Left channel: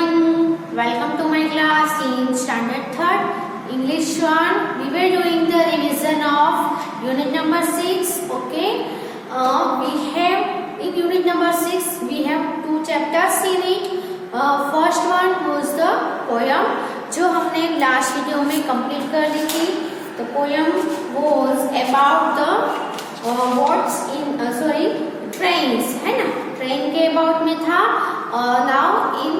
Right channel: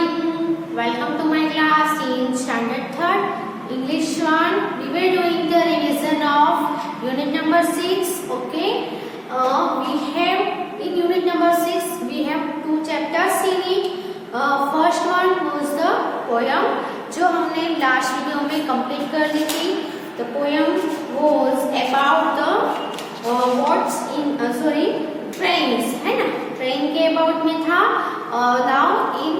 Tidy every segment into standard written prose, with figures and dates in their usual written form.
morning. Welcome to my class in standard 3rd English 1. We were doing the revision of unit number 6. Okay. We have in unit number 6 we have two chapters in it. First one was the poem जो हमने last video में complete कर ली थी. The poem was about the what's in trains है ना. Train के about में था. नाउ इन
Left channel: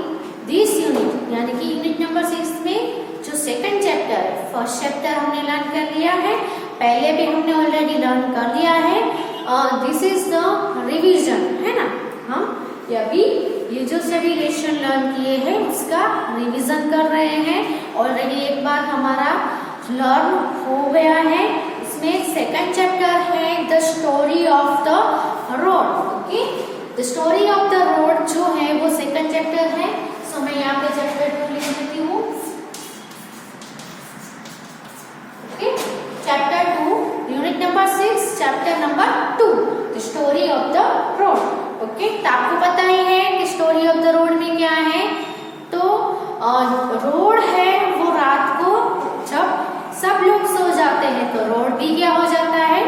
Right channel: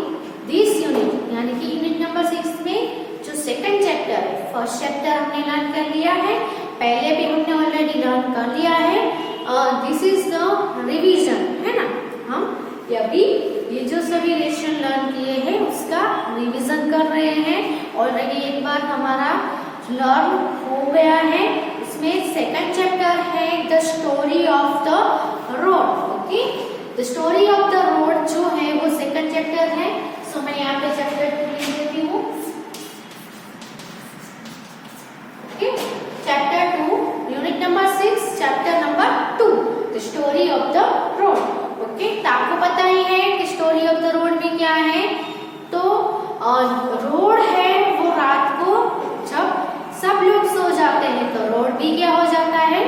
दिस यूनिट यानी कि यूनिट नंबर 6 में जो सेकंड चैप्टर है, फर्स्ट चैप्टर हमने लर्न कर लिया है, पहले भी हमने ऑलरेडी लर्न कर लिया है. दिस इज द रिवीजन है ना. हम अभी ये जो सभी लेसन लर्न किए हैं उसका रिवीजन कर रहे हैं. ऑलरेडी एक बार हमारा लर्न हो गया है. इसमें सेकंड चैप्टर है the story of the road. Okay, the story of the road जो है वो सेकंड चैप्टर है. सो मैं यहाँ पे चैप्टर 2 लिख देती हूँ. Okay, chapter 2 unit number 6 chapter number 2 the story of the road. Okay, तो आपको पता ही है कि स्टोरी ऑफ द रोड में क्या है. तो रोड है वो रात को जब सब लोग सो जाते हैं तो रोड भी क्या हो जाता है,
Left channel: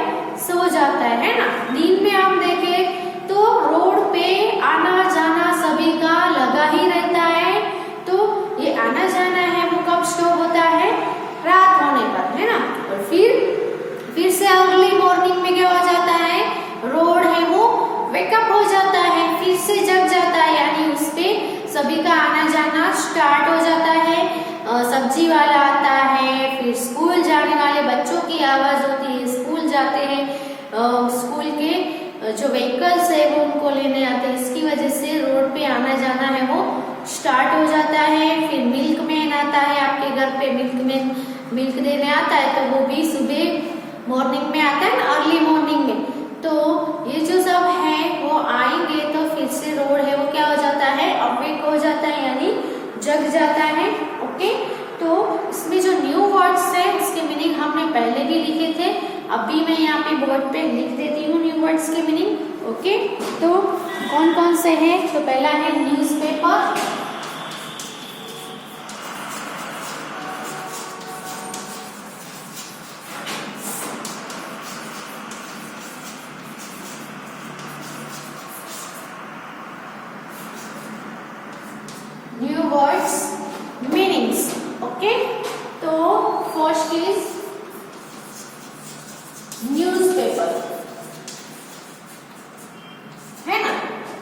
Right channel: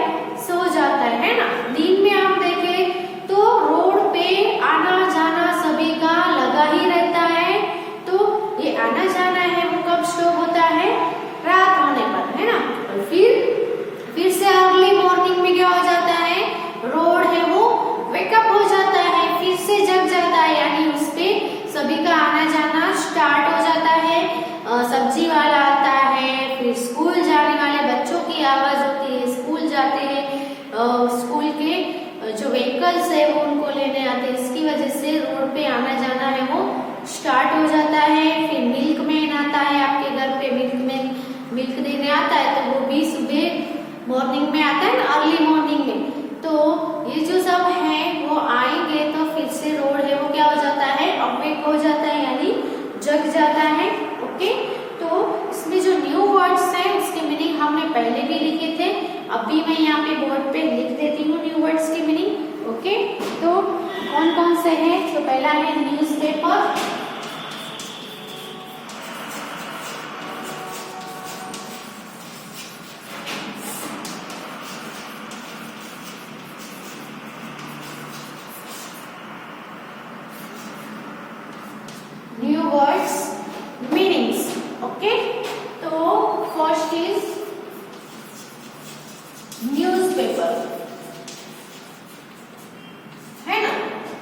सो जाता है ना. नींद में हम देखें तो रोड पे आना जाना सभी का लगा ही रहता है. तो ये आना जाना है वो कब स्टॉप होता है, रात होने पर है ना. और फिर से अर्ली मॉर्निंग में क्या हो जाता है, रोड है वो वेकअप हो जाता है, फिर से जग जाता है. यानी उस पे सभी का आना जाना स्टार्ट हो जाता है. सब्जी वाला आता है, फिर स्कूल जाने वाले बच्चों की आवाज होती है, स्कूल जाते हैं, स्कूल के जो व्हीकल्स है वो उनको लेने आते हैं. इसकी वजह से रोड पे आना जाना है वो स्टार्ट हो जाता है. फिर मिल्कमैन आता है आपके घर पे, मिल्क देने आता है. तो वो भी सुबह मॉर्निंग में आता है ना, अर्ली मॉर्निंग में. तो ये जो सब है वो आएंगे तो फिर से रोड है वो क्या हो जाता है, अवेक हो जाता है यानी जग जाता है. ओके, तो इसमें जो न्यू वर्ड्स है उसके मीनिंग हमने पहले भी लिखे थे. अभी मैं यहाँ पे बोर्ड पे लिख देती हूँ न्यू वर्ड्स के मीनिंग. ओके, तो कौन कौन से हैं. तो पहला है newspaper, new words meanings. Okay, तो फर्स्ट इज न्यूज़पेपर है ना.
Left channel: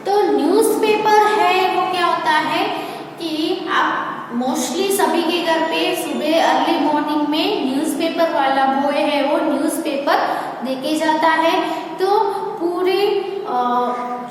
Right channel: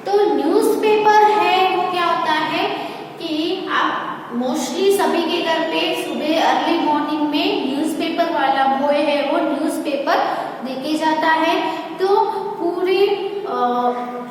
तो न्यूज़पेपर है वो क्या होता है कि आप मोस्टली सभी के घर पे सुबह अर्ली मॉर्निंग में न्यूज़पेपर वाला बॉय है वो न्यूज़पेपर देके जाता है. तो पूरे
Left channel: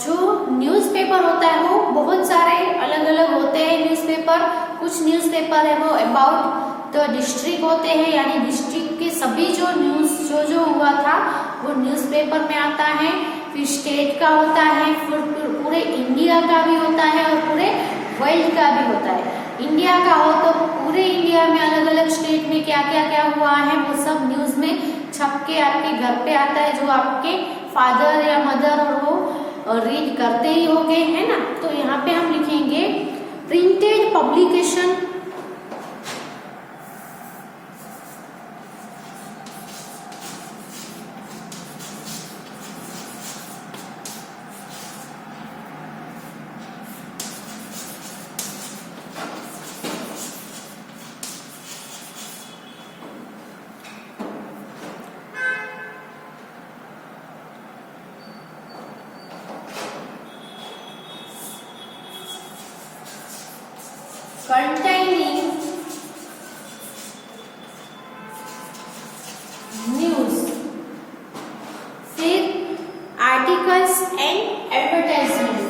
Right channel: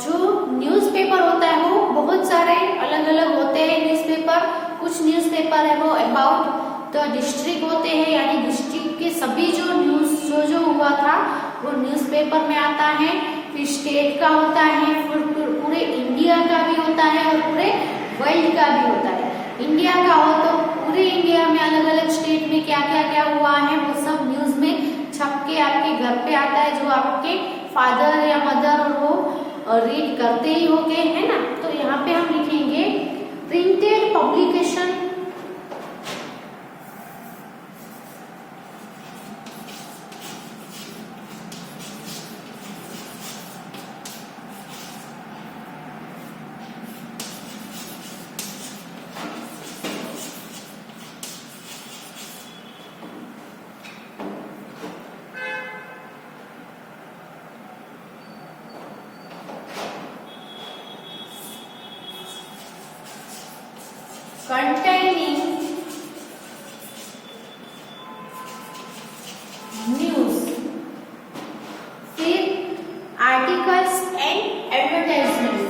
जो न्यूज़पेपर होता है वो बहुत सारे अलग अलग होते हैं न्यूज़पेपर. कुछ न्यूज़पेपर है वो अबाउट द डिस्ट्रिक्ट होते हैं, यानी डिस्ट्रिक्ट के सभी जो न्यूज जो हुआ था वो न्यूज़पेपर में आता है. फिर स्टेट का होता है, फिर पूरे इंडिया का भी होता है और पूरे वर्ल्ड का भी होता है. इंडिया का हो तो पूरे इंडिया में अलग अलग स्टेट में क्या क्या हुआ है वो सब न्यूज में छप के आपके घर पे आता है, जो आपके फादर या मदर और वो रीड करते ही होंगे है ना. तो यहाँ पे हम लिखेंगे प्रिंटेड पब्लिकेशन, containing news, फिर articles and advertisement.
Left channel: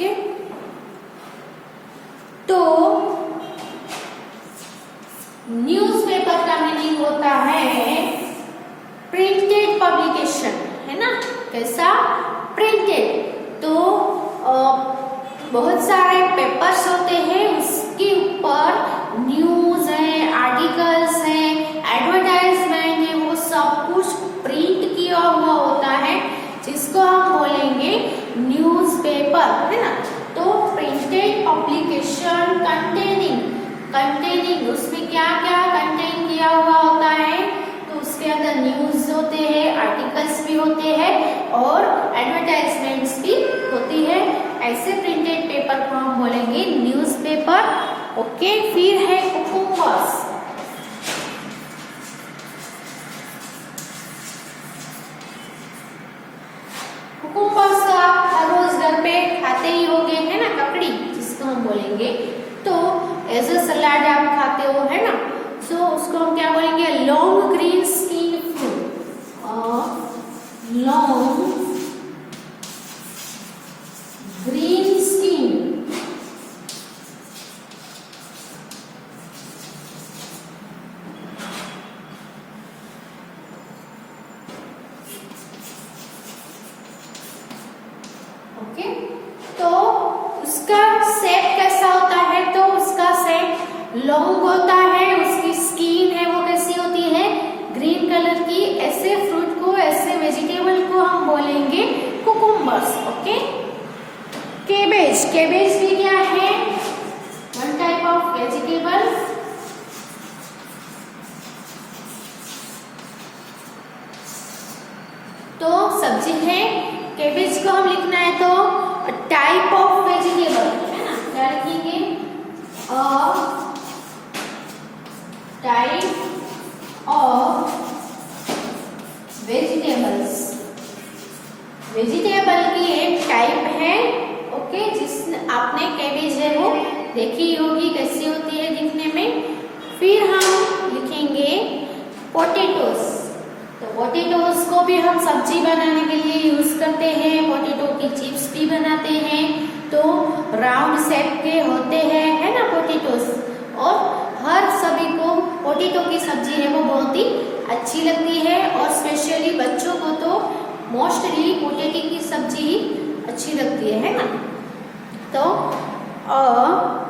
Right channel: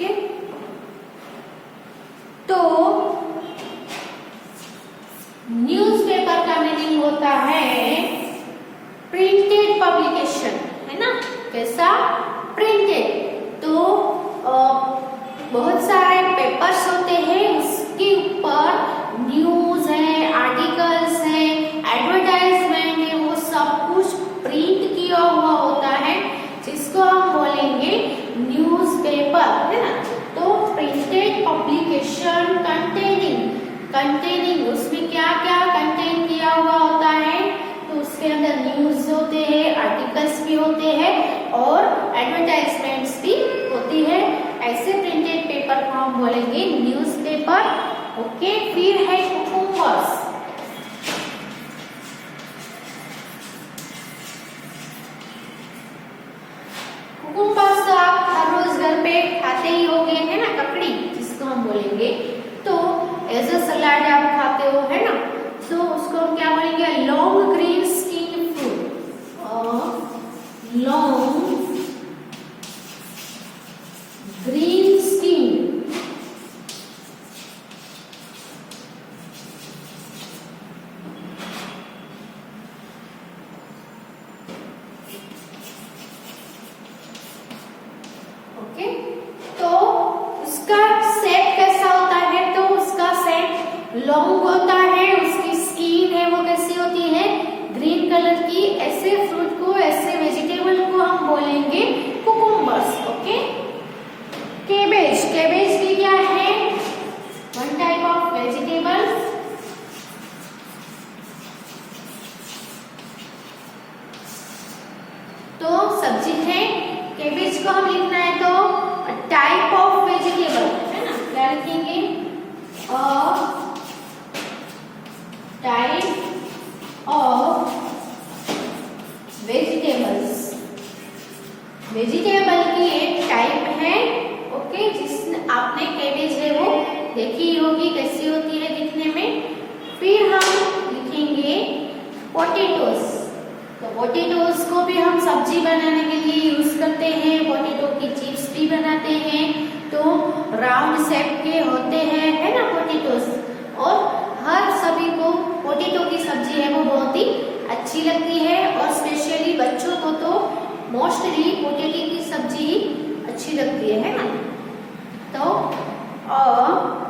ओके, तो न्यूज़पेपर का मीनिंग होता है प्रिंटेड पब्लिकेशन है ना. कैसा, प्रिंटेड. तो बहुत सारे पेपर्स होते हैं, उसके ऊपर न्यूज है, आर्टिकल्स है, एडवर्टाइजमेंट है, वो सब कुछ प्रिंट किया हुआ होता है, जिसको हम बोलेंगे न्यूज़पेपर, है ना। तो प्रिंटेड पब्लिकेशन कंटेनिंग उसमें क्या क्या कंटेन किया हुआ होता है, तो उसके अंदर न्यूज होते हैं, आर्टिकल्स भी होते हैं और एडवर्टाइजमेंट्स भी होती है। ऐसे प्रिंटेड पेपर को हम बोलेंगे न्यूज़पेपर। ओके, फिर है कुकुम्बर्स। कुकुम्बर्स तो आप हर रोज घर पे खाते ही होंगे, है ना, ककड़ी जिसको हम बोलेंगे। तो एज अ सलाड आप खाते हो, है ना। सो उसको हम क्या बोलेंगे, long green skin fruit, long green skin okay. तो उसका सेट कैसा होता है, तो उसका सेट लॉन्ग होता है, उसकी स्किन है वो कैसी होती है, ग्रीन कलर की। ऐसे फ्रूट को, ऐसे वेजिटेबल को हम बोलेंगे कुकुम्बर्स। ओके। केबेज भी क्या है, वन टाइप ऑफ वेजिटेबल। तो सब्जी है, केबेज को हम लिखना है तो टाइप ऑफ वेजिटेबल, है ना, क्या लिखेंगे, टाइप ऑफ वेजिटेबल्स। वेजिटेबल की एक टाइप है, ओके, जिसने आपने केबेज है वो देखी होगी कैसी होती है दिखने में। फिर हम लिखेंगे पोटैटोस। तो पोटैटोस को भी हम सब्जी बनाने के लिए यूज करते हैं, पोटैटो की चिप्स भी बनाते हैं। तो राउंड शेप के होते हैं, है ना, पोटैटोस। और हर सभी को पोटैटो की सब्जी है वो बहुत ही अच्छी लगती है, और स्पेशली बच्चों को तो मोस्टली पोटैटो की सब्जी अच्छी लगती है ना। तो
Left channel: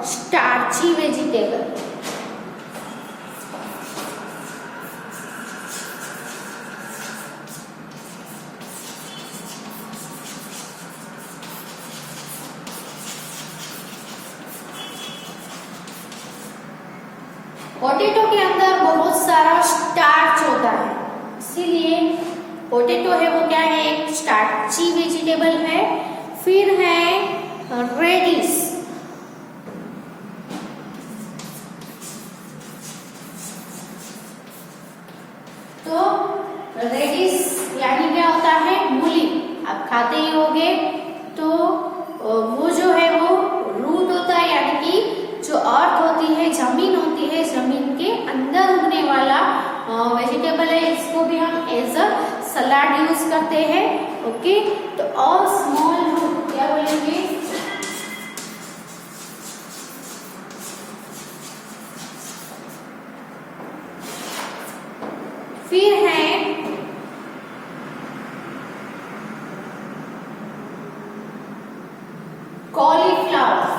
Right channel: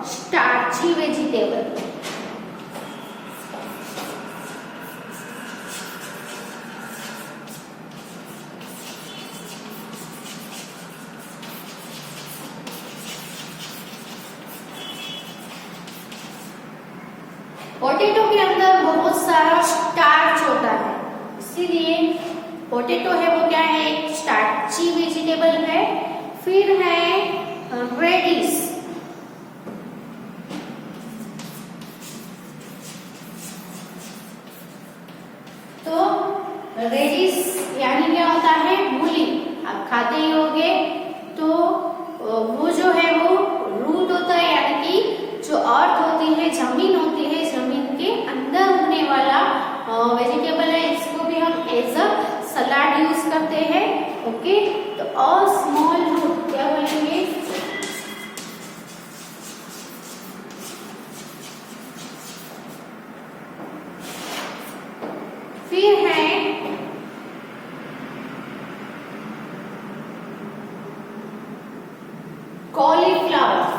स्टार्ची वेजिटेबल, पोटैटो के अंदर बहुत सारा स्टार्च होता है, इसीलिए पोटैटो है वो क्या है, एक स्टार्ची वेजिटेबल है। फिर है रेडिश। तो रेडिश यानी क्या होता है, मूली। आप खाते ही होंगे। तो वो जो है वो रूट होता है, यानी कि जो अर्थ होती है, जमीन होती है, जमीन के अंदर उगने वाला वेजिटेबल है। इसको भी हम एज अ सलाड यूज करते हैं। ओके। तो और स्मॉल रूट क्या बोलेंगे, फिर है कॉलीफ्लावर।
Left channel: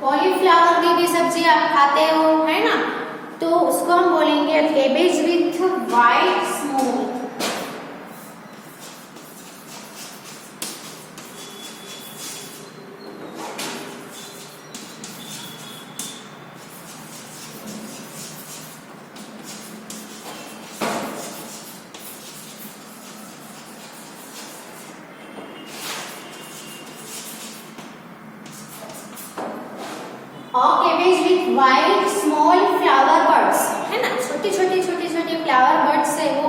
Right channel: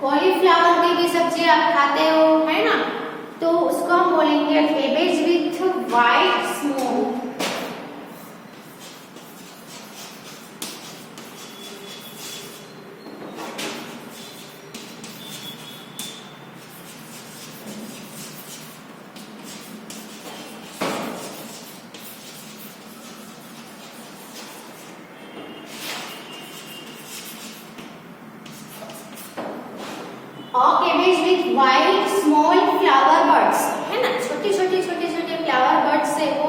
कॉलीफ्लावर की भी सब्जी आप खाते हो, है ना। तो उसको हम बोलेंगे केबेज विथ वाइट स्मोक। और cabbage with white small flower birds, है ना, छोटी छोटी फ्लावर बर्ड्स से वो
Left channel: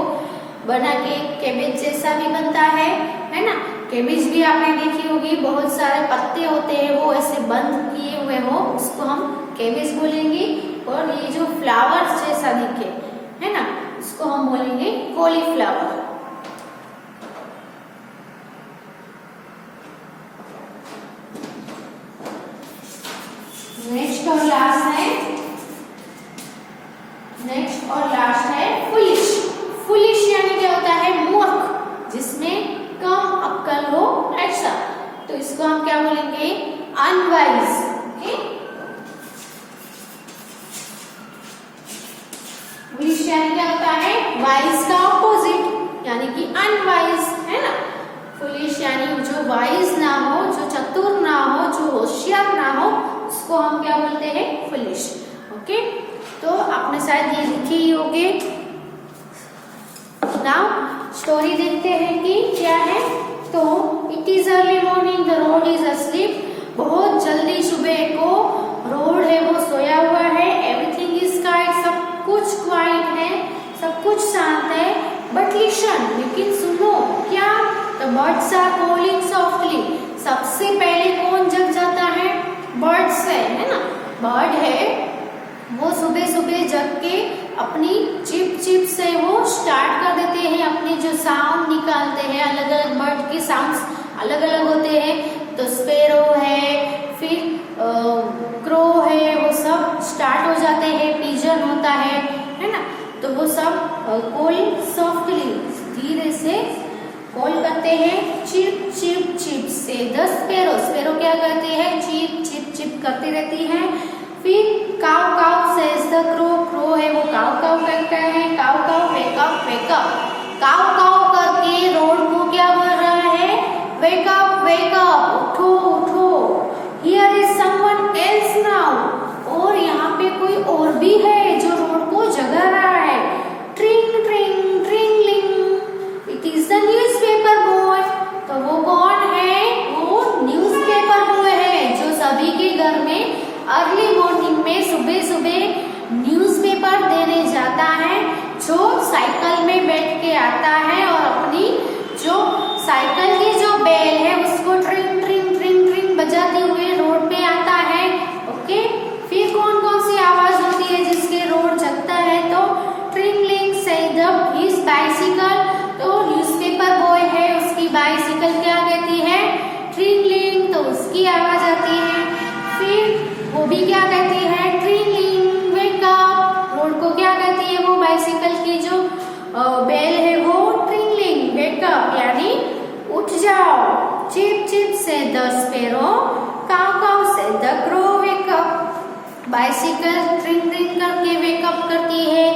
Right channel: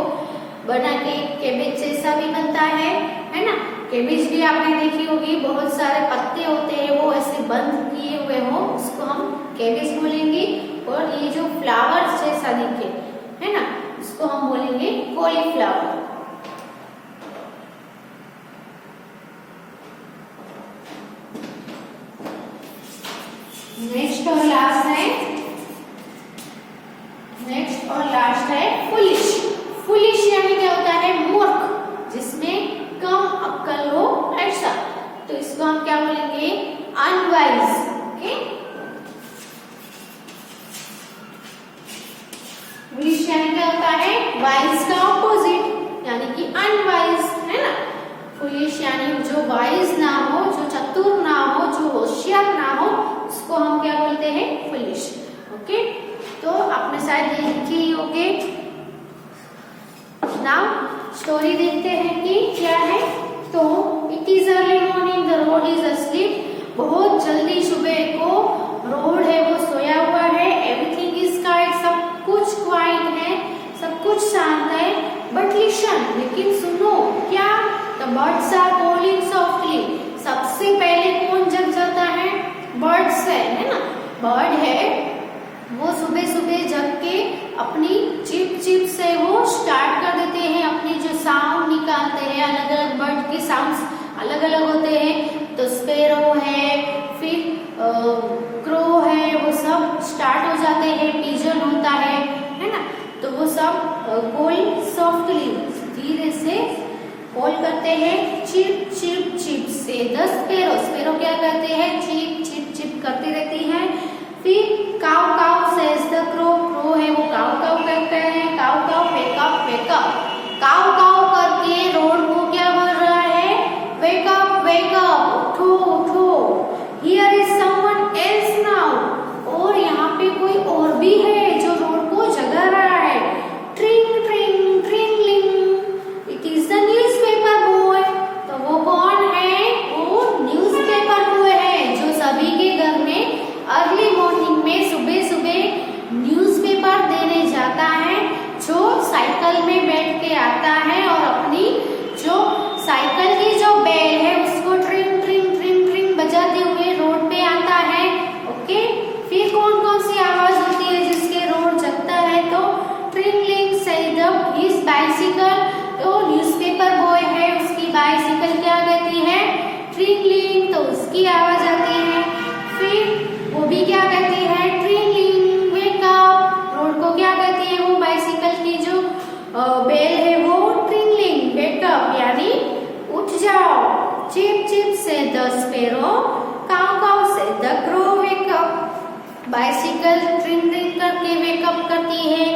बना के केबेज जैसा भी बनता है ना। केबेज भी आपने देखी होगी, बहुत सारे पत्ते होते हैं वो ऐसे बंद किए हुए हो, उसको हम केबेज बोलेंगे। और ये जो फ्लावर जैसा दिखे, है ना, उसको हम बोलेंगे कॉलीफ्लावर। नेक्स्ट और लास्ट है फुलिश। फुलिश यानी क्या होता है, मूर्ख, जिसमें कम unwise. Okay. Foolish यानी क्या होता है? Wise का ऑपोजिट यानी कि unwise, है ना? Foolish यानी जो wise ना हो, जो चतुर ना हो, जो होशियार ना हो, उसको हम क्या बोलते हैं? Foolish. ओके, तो आपने शायद ये लिखी ही होगी। नाउ स्टोरी देखते हैं कि क्या है। तो it is early morning, the road is asleep. बहुत जल्दी सुबह को रोड है वो सोया हुआ है। एवरीथिंग इज क्वाइट, सब कुछ क्वाइट है, सब कुछ शांत है। बट लिसन, लेकिन सुनो क्या? The birds are calling softly. सबसे पहले कौन जग जाता है? बर्ड्स है ना? बर्ड है वो सुबह सुबह जग के अपनी चिप चिप से वो स्टार्ट कर देते हैं, अपने जो साउंड निकालते हैं। अलग अलग बर्ड के साउंड्स अलग अलग होते हैं। तो स्पैरो है, फिर क्रो है, वो सब स्टार्ट हो जाते हैं। पिजन होता है ना? तो वो सब कॉल सॉफ्टली, धीरे से कॉल करते हैं। Chip cheep cheep says the sparrow, sparrow क्या करते हैं? चिप चिप चिप करती रहती है। फिर cow caw says the crow, crow है वो काउ काउ कहता है। Cow cow wake up wake up, cow cow करके रोड को क्या बोल रहा है? वेक अप वेक अप, उठो उठो। Here is someone else now, और यहाँ पे कोई और भी है जो रोड को जगा रहा है। ट्रिंग ट्रिंग ट्रिंगलिंग, it is the newspaper boy. तो वो कौन है? वो न्यूज़पेपर बॉय है जो सभी के घर में अर्ली मॉर्निंग में सुबह सुबह न्यूज़पेपर देने जाता है। जो साइकिल में बैठ के आता है और अपनी जो साइकिल की जो बेल है उसको ट्रिंग ट्रिंग ट्रिंग ट्रिंग बजाते हुए रोड पे आता है। ओके, फिर कौन कौन सी आवाज होती है जिसके रोड जगता है? तो ट्रिंगलिंग सेड हिज बाइसिकल, तो न्यूज़पेपर बॉय है उसकी बाइसिकल क्या कहती है? ट्रिंगलिंग, तो उसकी आवाज आती है। फिर वो भी क्या कहती है? ट्रिंगलिंग वेक अप, रोड को क्या कहती है? वो बाइसिकल की जो बेल है वो ट्रिंगलिंग वेक अप यानी उठ जाओ। Cheep cheep says the sparrow, caw caw says the crow wake up. Bicycle ट्रिंग ट्रिंग करके वेकअप करती है।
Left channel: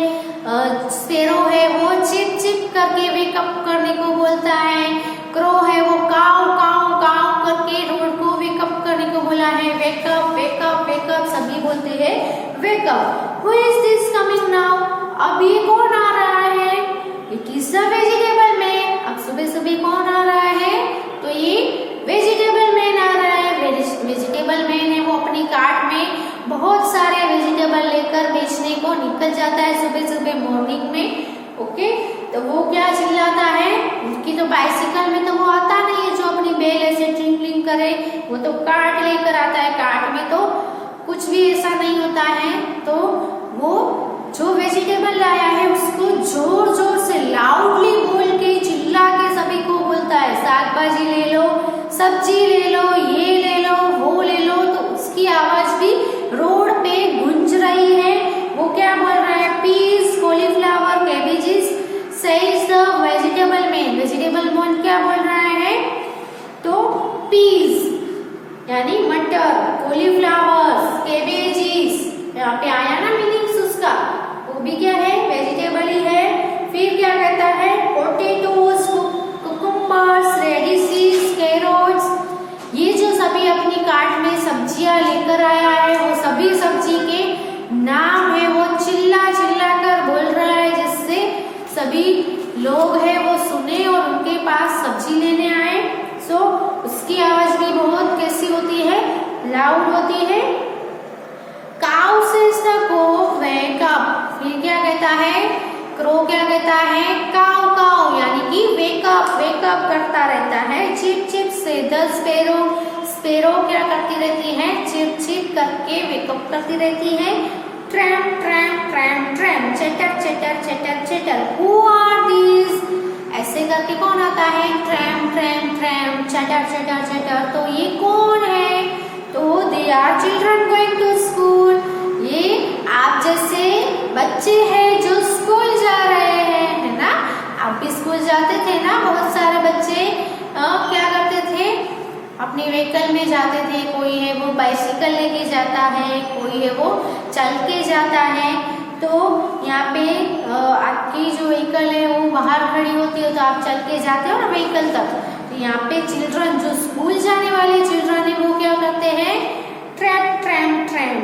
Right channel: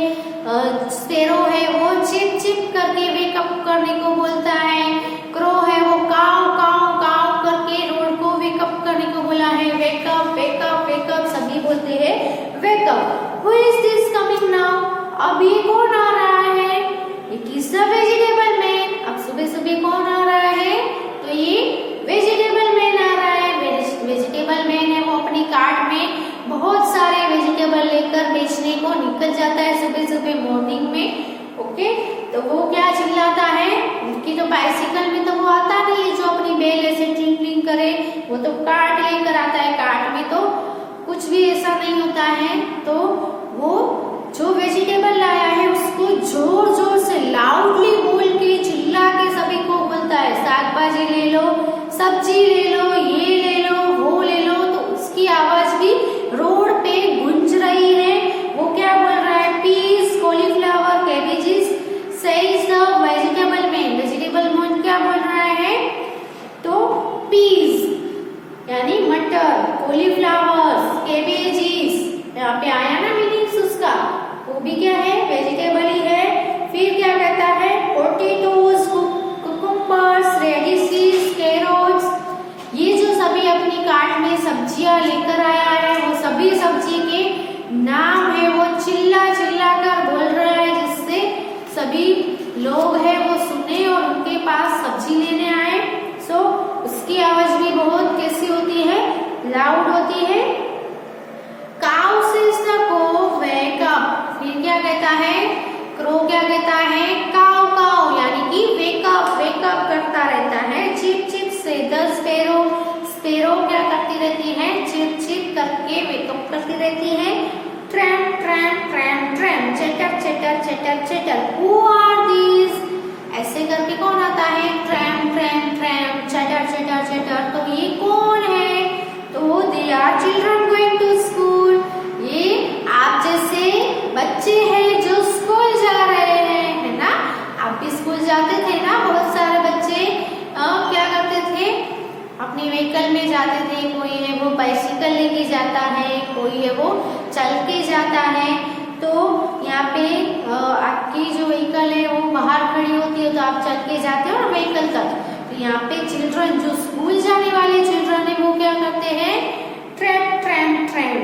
स्पैरो है वो चिप चिप करके वेकअप करने को बोलता है। क्रो है वो काउ काउ काउ करके रोड को वेकअप करने को बोला है। वेकअप वेकअप वेकअप सभी बोलते हैं wake up. Who is this coming now, अब ये कौन आ रहा है? It is the vegetable man. अब सुबह सुबह कौन आ रहा है? तो ये वेजिटेबल मैन आ रहा है। वेजिटेबल मैन है वो अपनी कार्ट में बहुत सारे वेजिटेबल लेकर बेचने को निकल जाता है सुबह सुबह मॉर्निंग में। ओके, तो वो क्या चिल्लाता है? उनकी तो बाइसिकल में तो वो आता नहीं है जो अपनी बेल ऐसे ट्रिंगलिंग करे, वो तो कार्ट लेकर आता है। कार्ट में तो कुछ भी ऐसा नहीं होता है। तो वो जो वेजिटेबल लाया है उसको जोर जोर से लाउडली बोल के चिल्ला के सभी को बोलता है, साग भाजी ले लो, सब्जी ले लो, ये ले लो, वो ले लो। तो उसकी आवाज भी रोड पे गूंज रही है। वो क्या बोल रहा है? Peas, cauliflower, cabbages says the vegetable man. Vegetable man क्या बोल रहा है? तो पीस यानी मटर, कॉलीफ्लावर, कैबेजेस, यहाँ पे आया ना मीनिंग्स उसका, वो भी क्या है? वेजिटेबल ही है। फिर क्या कहता है? पोटैटोज, कुकुम्बर्स, रेडिशेस, कैरोट्स, ये जो सभी अपनी कार्ट में सब्जियां लेकर आया है वो सभी सब्जी के नाम है वो चिल्ला चिल्ला कर बोल रहा है, जिससे सभी लोग हैं वो सुने और उनके पास सब्जी लेने आए। सो उसकी आवाज भी बहुत कैसी होती है? लाउड होती है। Cow says the crow wake up. फिर क्या कहता है? क्रो क्या कहता है? काउ काउ यानी कि वेकअप वेकअप करता रहता है। Cheep cheep says the sparrow, sparrow क्या करती रहती है? चिप चिप करके वेकअप करती रहती है। ट्रैम ट्रैम ट्रैम ट्रैम, चटर chatter chatter chatter. Who are these? ऐसे करके कौन आता है? ट्रैम ट्रैम ट्रैम, चटर चटर चटर। तो ये कौन है? तो they are children going to school. ये आप जैसे बच्चे हैं जो स्कूल जा रहे हैं, है ना? आप भी स्कूल जाते थे ना? बहुत सारे बच्चे क्या करते थे? अपने व्हीकल में जाते थे, कोई है वो बाइसिकल लेके जाता है, कोई है वो चल के जाता है। तो यहाँ पे आपकी जो व्हीकल है वो बाहर खड़ी होती है, तो आप चल के जाते हो ना व्हीकल तक। तो यहाँ पे चिल्ड्रन, जो स्कूल जाने वाले चिल्ड्रन है, वो क्या करते हैं? Trap tram tram,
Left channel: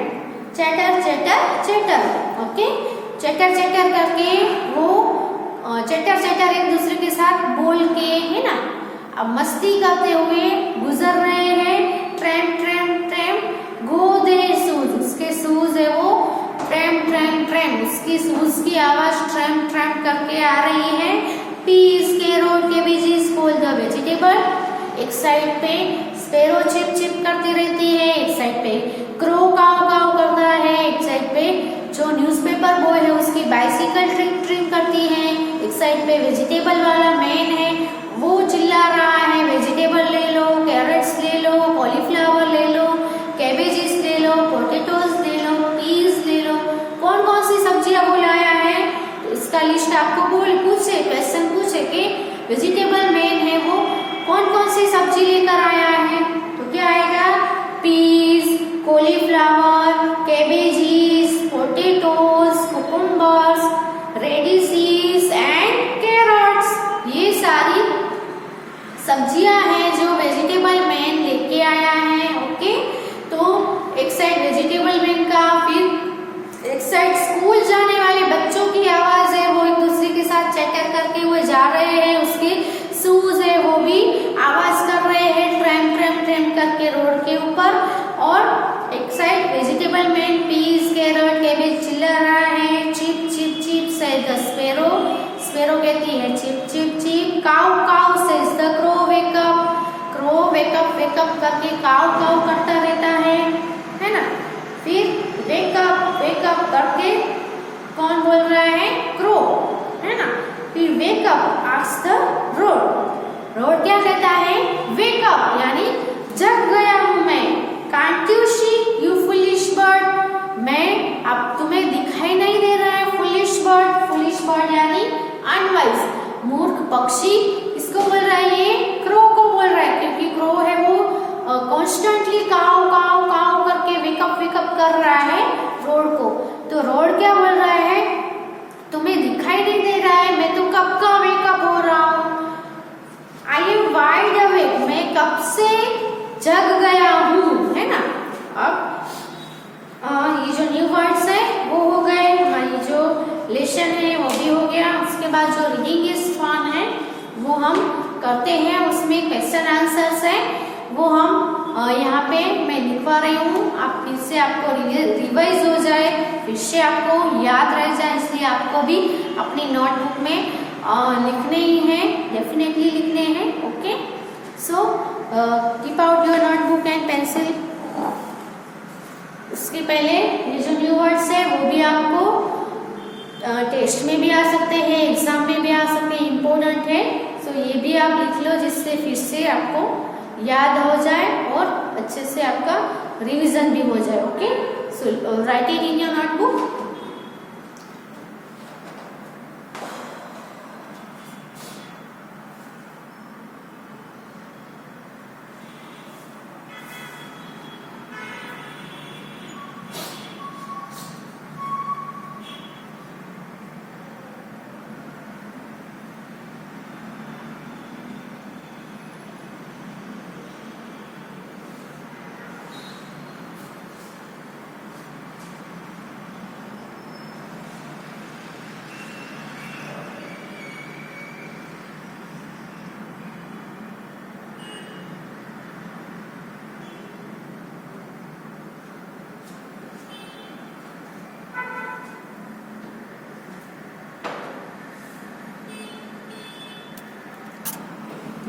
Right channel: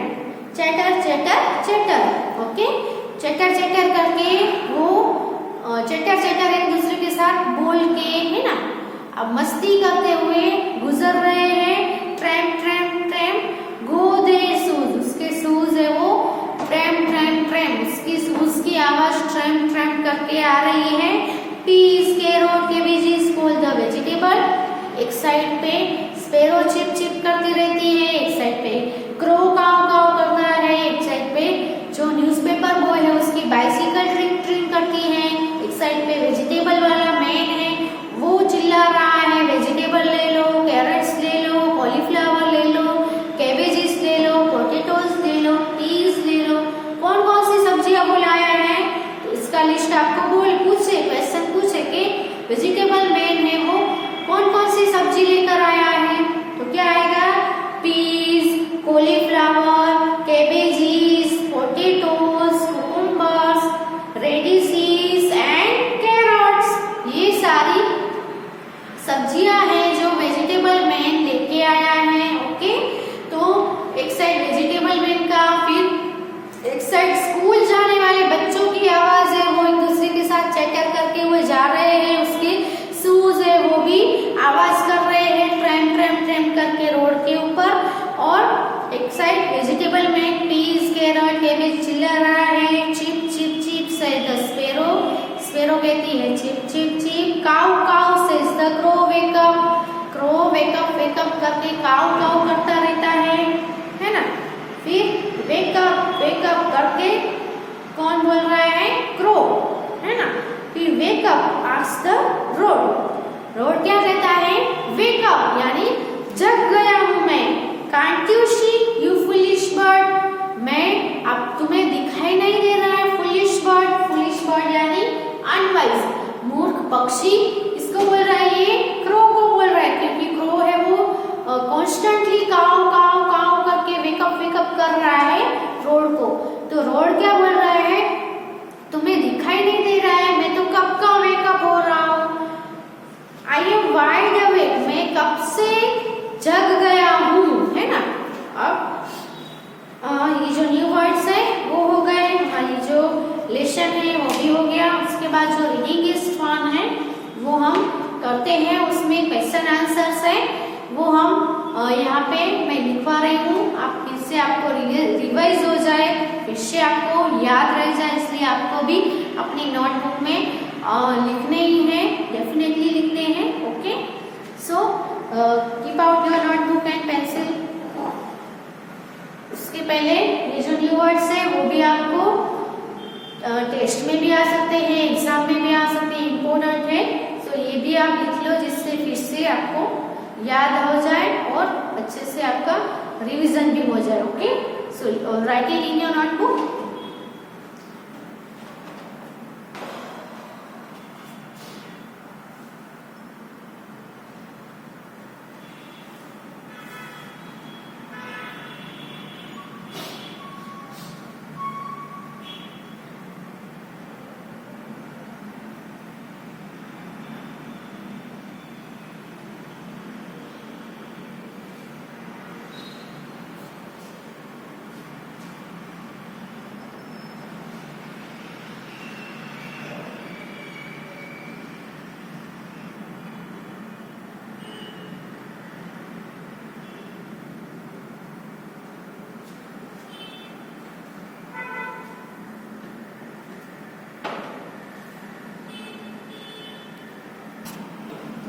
chatter chatter chatter. Okay, chatter chatter करके वो चैटर चैटर एक दूसरे के साथ बोल के, है ना, अब मस्ती करते हुए गुजर रहे हैं। Tramp tramp tramp, go their shoes, उसके शूज है वो ट्रैम ट्रैम ट्रैम, उसकी शूज की आवाज ट्रैम ट्रैम करके आ रही है। Peas carrot cabbages call the vegetable. एक साइड पे स्पैरो चिप चिप करती रहती है, एक साइड पे क्रो काव काव कर रहा है, एक साइड पे जो न्यूज़पेपर बॉय है उसकी बाइसिकल ट्रिंग ट्रिंग करती है, एक साइड पे वेजिटेबल वाला मैन है वो चिल्ला रहा है, वेजिटेबल ले लो, कैरेट्स ले लो, कॉलीफ्लावर ले लो, कैबेजेस ले लो, पोटैटोज ले लो, पीस ले लो। कौन कौन सी सब्जियां वो लाया है? तो इसका लिस्ट आपको क्वेश्चन पूछे कि वेजिटेबल मैन है वो कौन कौन सी सब्जी लेकर आया है? तो क्या आएगा? Peas, cauliflower, cabbages, potatoes, cucumbers, radishes and carrots. ये सारी सब्जियां हैं जो वेजिटेबल मैन लेके आया है। ओके, तो एक साइड वेजिटेबल मैन का, फिर एक साइड स्कूल जाने वाले बच्चों की आवाज है, वो एक दूसरे के साथ चैटर करके वो जा रहे हैं, उसके शूज है वो भी आवाज कर रहे हैं ट्रैम ट्रैम ट्रैम करके रोड के ऊपर। और एक side vegetable man peas carrot cabbage चिल्ला रहा है, cheep cheep cheep says the sparrow, sparrow कहती है cheep cheep cheep. Caw caw says the crow wake up, crow wake up wake up करके काउ काउ करता रहता है ना। फिर वेकअप वेकअप करके कौन बोल रहा है? क्रो, है ना। फिर wake up asks the road, road क्या कहता है? वेकअप, यानी जग गया हूं मैं। Can't you see you foolish bird, मैं अब तुम्हें दिखाई नहीं दे रहा है? फुलिश बर्ड, फुलिश बर्ड यानी अनवाइज, मूर्ख पक्षी। इसको बोल रहा है, ये क्रो को बोल रहा है, क्योंकि क्रो है वो कॉन्स्टेंटली काव काव काव करके वेकअप वेकअप कर रहा है रोड को। तो रोड क्या बोल रहा है? तुम्हें दिखाई नहीं दे रहा है, मैं तो कब का वेकअप हो रहा हूँ। आई एम वाइड अवेक, मैं कब से जग गया हूँ, है ना। अब ये जो न्यू वर्ड्स है वो हो गए, हमारी जो लेसन है वो भी हो गया। उसके बाद जो रीडिंग इज फन है वो हम करते हैं, उसमें क्वेश्चन आंसर्स है वो हम यहाँ पे मैं लिखवा रही हूँ, आप फिर से आपको रिवाइज हो जाए, फिर से आपको याद रह जाए, इसलिए आपको भी अपनी नोटबुक में लिखने ही हैं, डेफिनेटली लिखने हैं। Okay, so keep out your notebook and pencil. उसके पहले ये जो न्यू वर्ड्स है वो भी आपको टेस्ट में भी आ सकते हैं, एग्जाम में भी आ सकते हैं, इम्पोर्टेंट है। सो ये भी आप लिख लो, जिससे फिर से आपको याद हो जाए और अच्छे से आपका रिवीजन भी हो जाए। Okay, so writing in your notebook.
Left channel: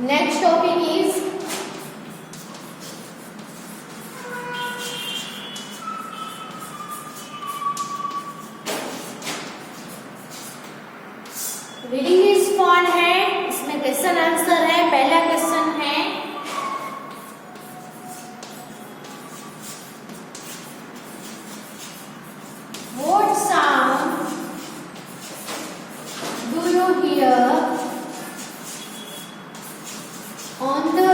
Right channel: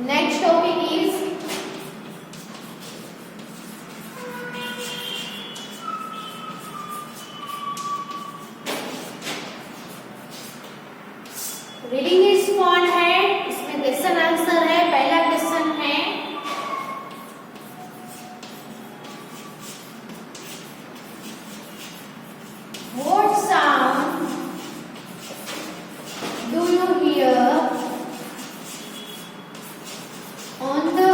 Next topic is reading is fun है, इसमें क्वेश्चन आंसर है। पहला क्वेश्चन है, what sound do you hear on the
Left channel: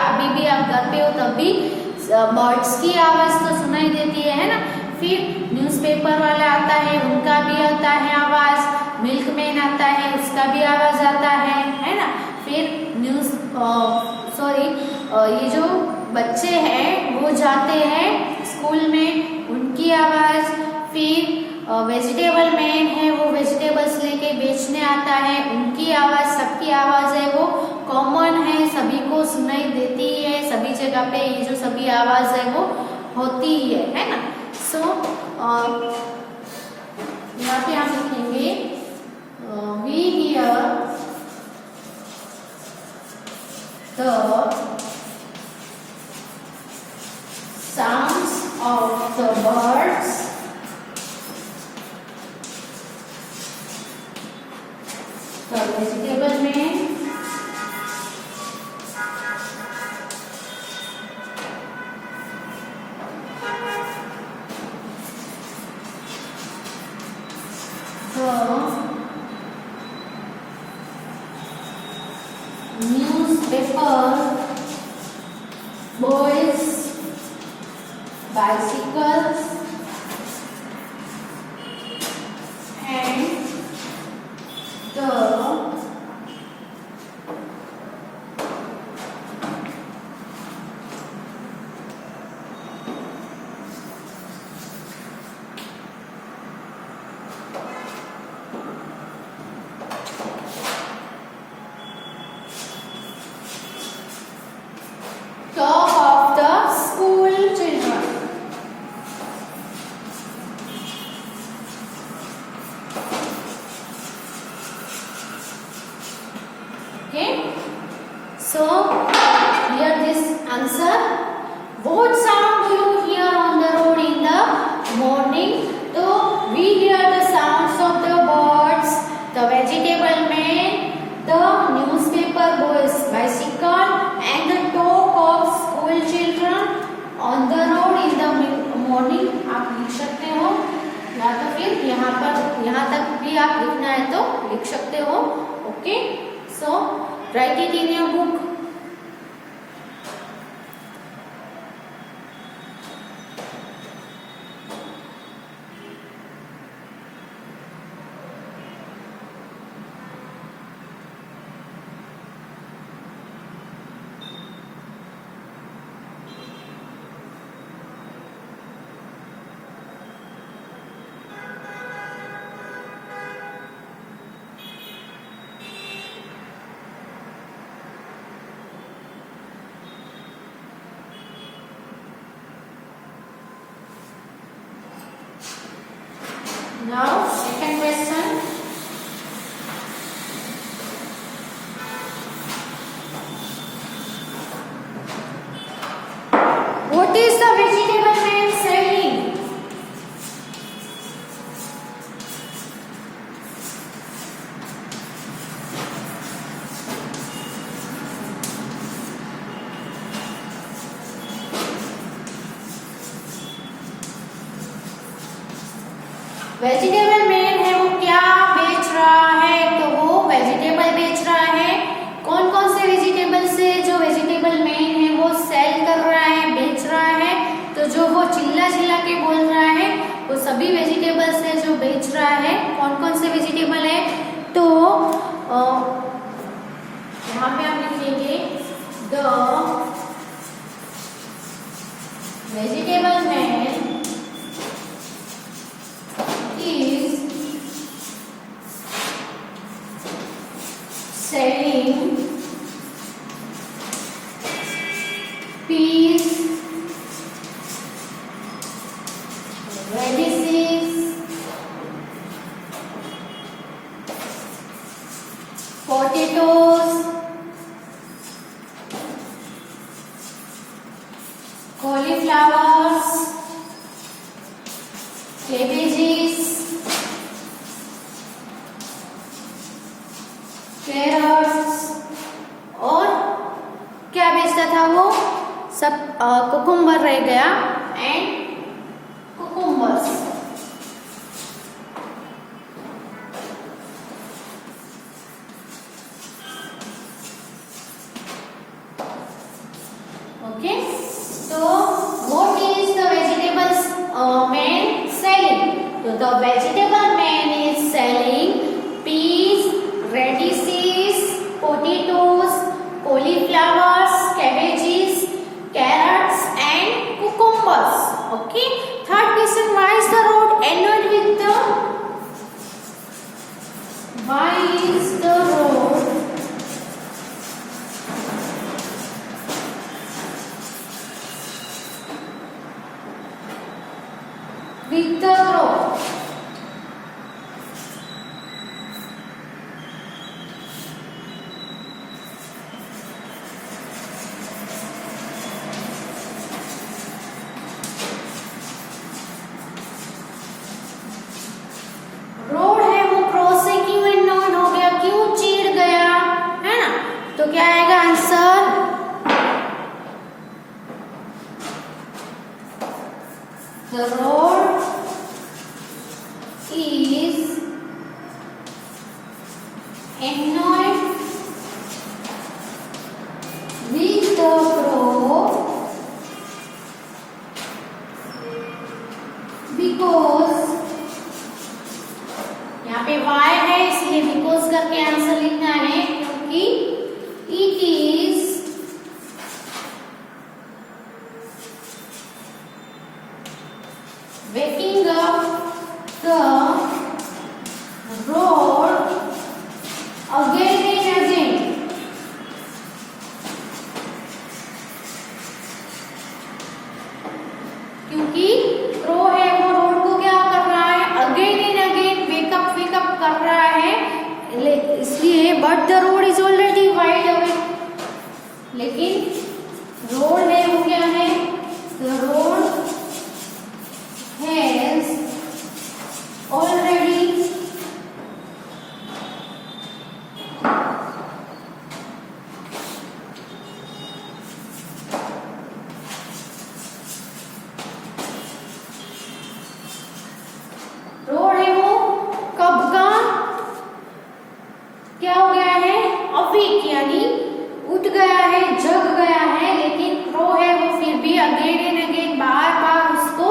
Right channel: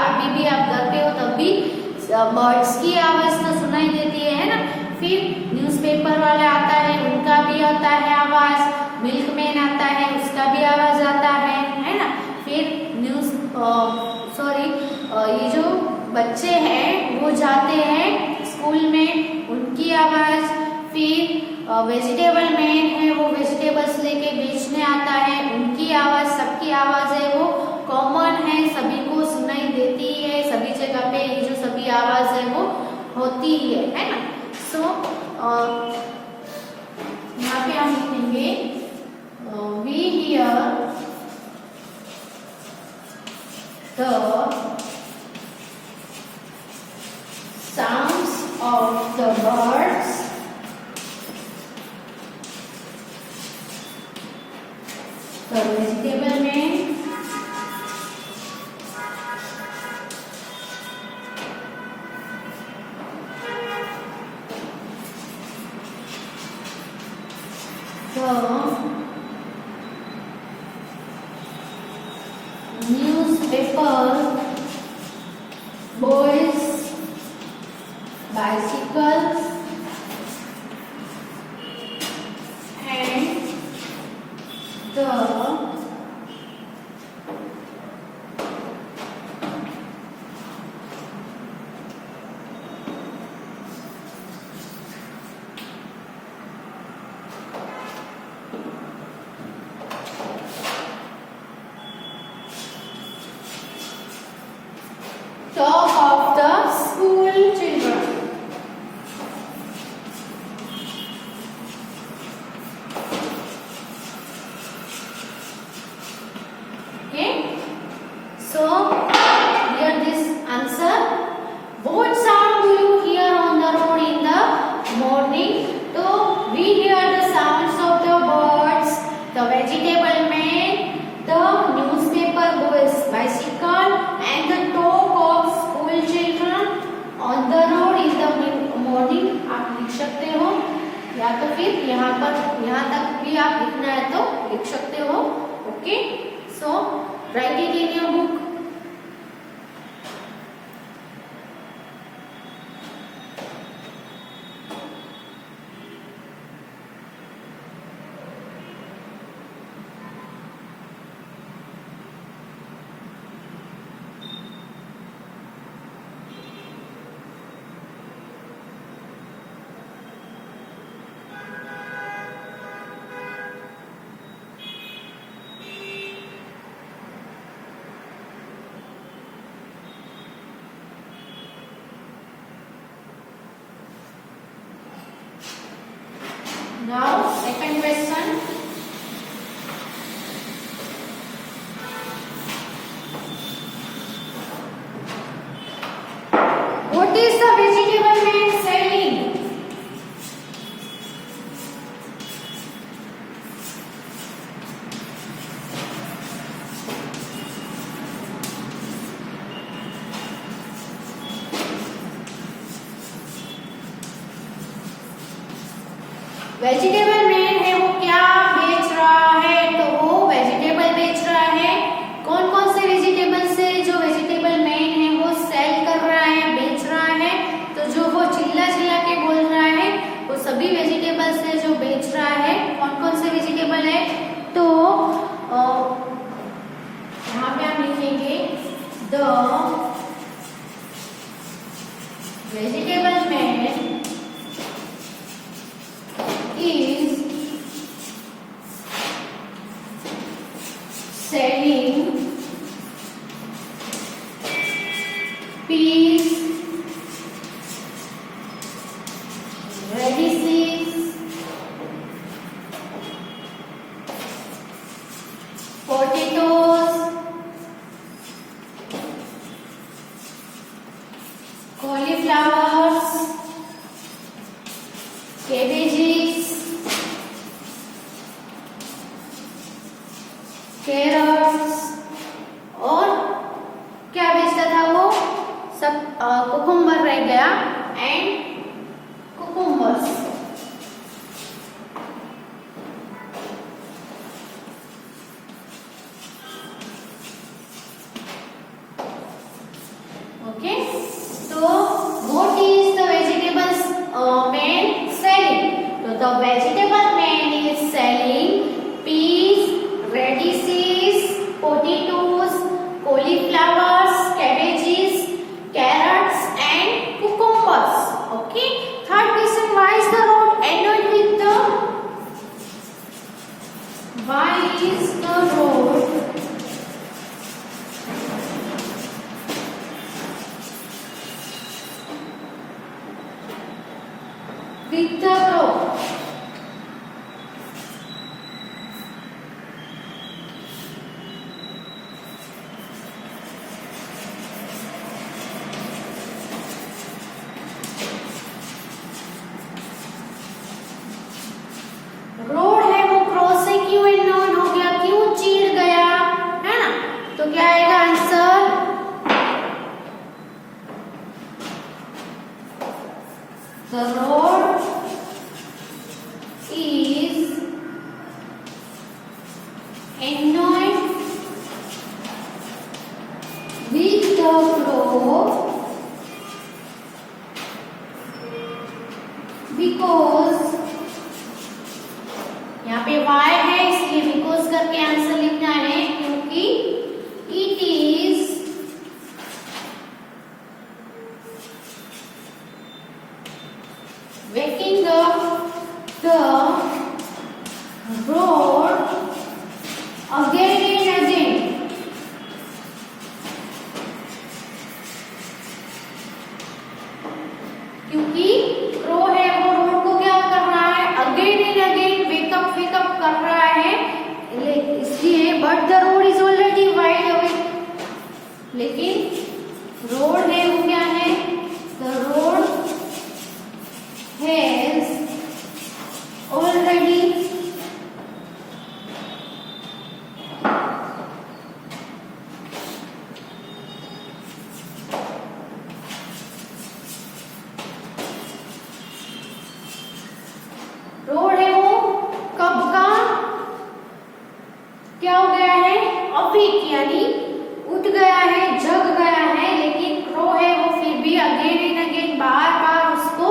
अभी भी आप घर पे हो तब भी बर्ड्स की आवाज तो सुनाई देती है ना। फिर न्यूज़पेपर वाला आता है, उनका भी आता है आवाज। मिल्कमैन आता है, उसका भी आवाज आता है ना। फिर ये जो बच्चे हैं वो जाते हैं स्कूल में, उनकी आवाज। फिर वेजिटेबल मैन है, वो वेजिटेबल्स लेके बेचने आता है, उनकी आवाज। सबकी आवाज है वो कॉमन है, सभी को सुनाई देती है। सभी जगह पे ये जो सभी आवाज है वो होती है ना। सो यहाँ पे हम लिखेंगे we hear the sounds of the birds the vegetable man the newspaper boys bicycles and the talk of the school children. Okay, so here this answer. What sound do you hear on the road in the morning? So we hear the sounds of the birds, the vegetable man, the newspaper boys bicycle and the talk of school children on the road in the morning. आप लिख सकते हो, या तो फिर यहाँ तक भी आप लिखना है तो लिख सकते हो। Okay, so right it in your book. Now, second question. What is the vegetable man saying? Vegetable man है वो क्या बेच रहा है? तो वो वेजिटेबल बेच रहा है। कौन कौन से वेजिटेबल से जो वेजिटेबल मैन है वो सेल कर रहा है, बेच रहा है? तो जो वो चिल्ला चिल्ला के बोल रहा है वो सभी वेजिटेबल से जो बेच रहा है। कौन कौन से वेजिटेबल है? तो यहाँ पे आप लिखेंगे the vegetable man is selling peas, radishes, potatoes, cauliflowers, cabbages, carrots, और क्या बेचता था वो? सब कुकुम्बर रह गया एंड कुकुम्बर्स। ओके, तो what is the vegetables man selling? तो the vegetable man is selling peas, radishes, potatoes, cauliflowers, cabbages, carrots and cucumbers. Okay. Third question, why is the road ended with the crow? Road है वो cross से क्यों and हो गया, क्यों चीड़ गया, है ना? तो क्या आएगा answer? The road is annoyed with the crow because, यहाँ पे y है इसलिए बिकॉज करके आंसर लिखना है, क्योंकि it is waking up the road again and again. क्योंकि क्रो है वो रोड को क्या कर रहा है, अगेन एंड अगेन वेकअप कर रहा है, इसलिए but the road is already wide awake, लेकिन रोड है वो क्या है, the road has already road है वो कब का क्या हो गया है, अवेक यानी उठ गया है, जग गया है, लेकिन क्रो है वो फिर भी अगेन एंड अगेन बार बार उसको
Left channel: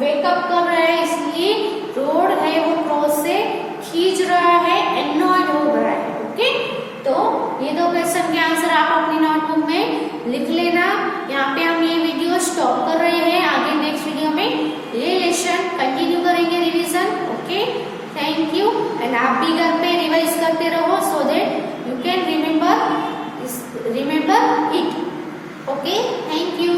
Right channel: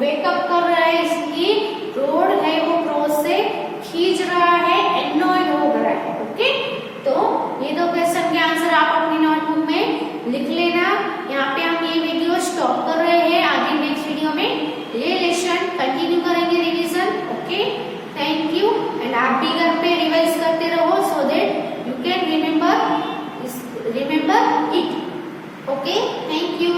वेकअप कर रहा है, इसलिए रोड है वो क्रो से खींच रहा है, एनॉयड हो रहा है। ओके, तो ये दो क्वेश्चन के आंसर आप अपनी नोटबुक में लिख लेना। यहाँ पे हम ये वीडियो स्टॉप कर रहे हैं, आगे नेक्स्ट वीडियो में ये लेसन कंटिन्यू करेंगे revision. Okay, thank you. And आप भी घर पे रिवाइज करते रहो so that you can remember it. Okay, thank you.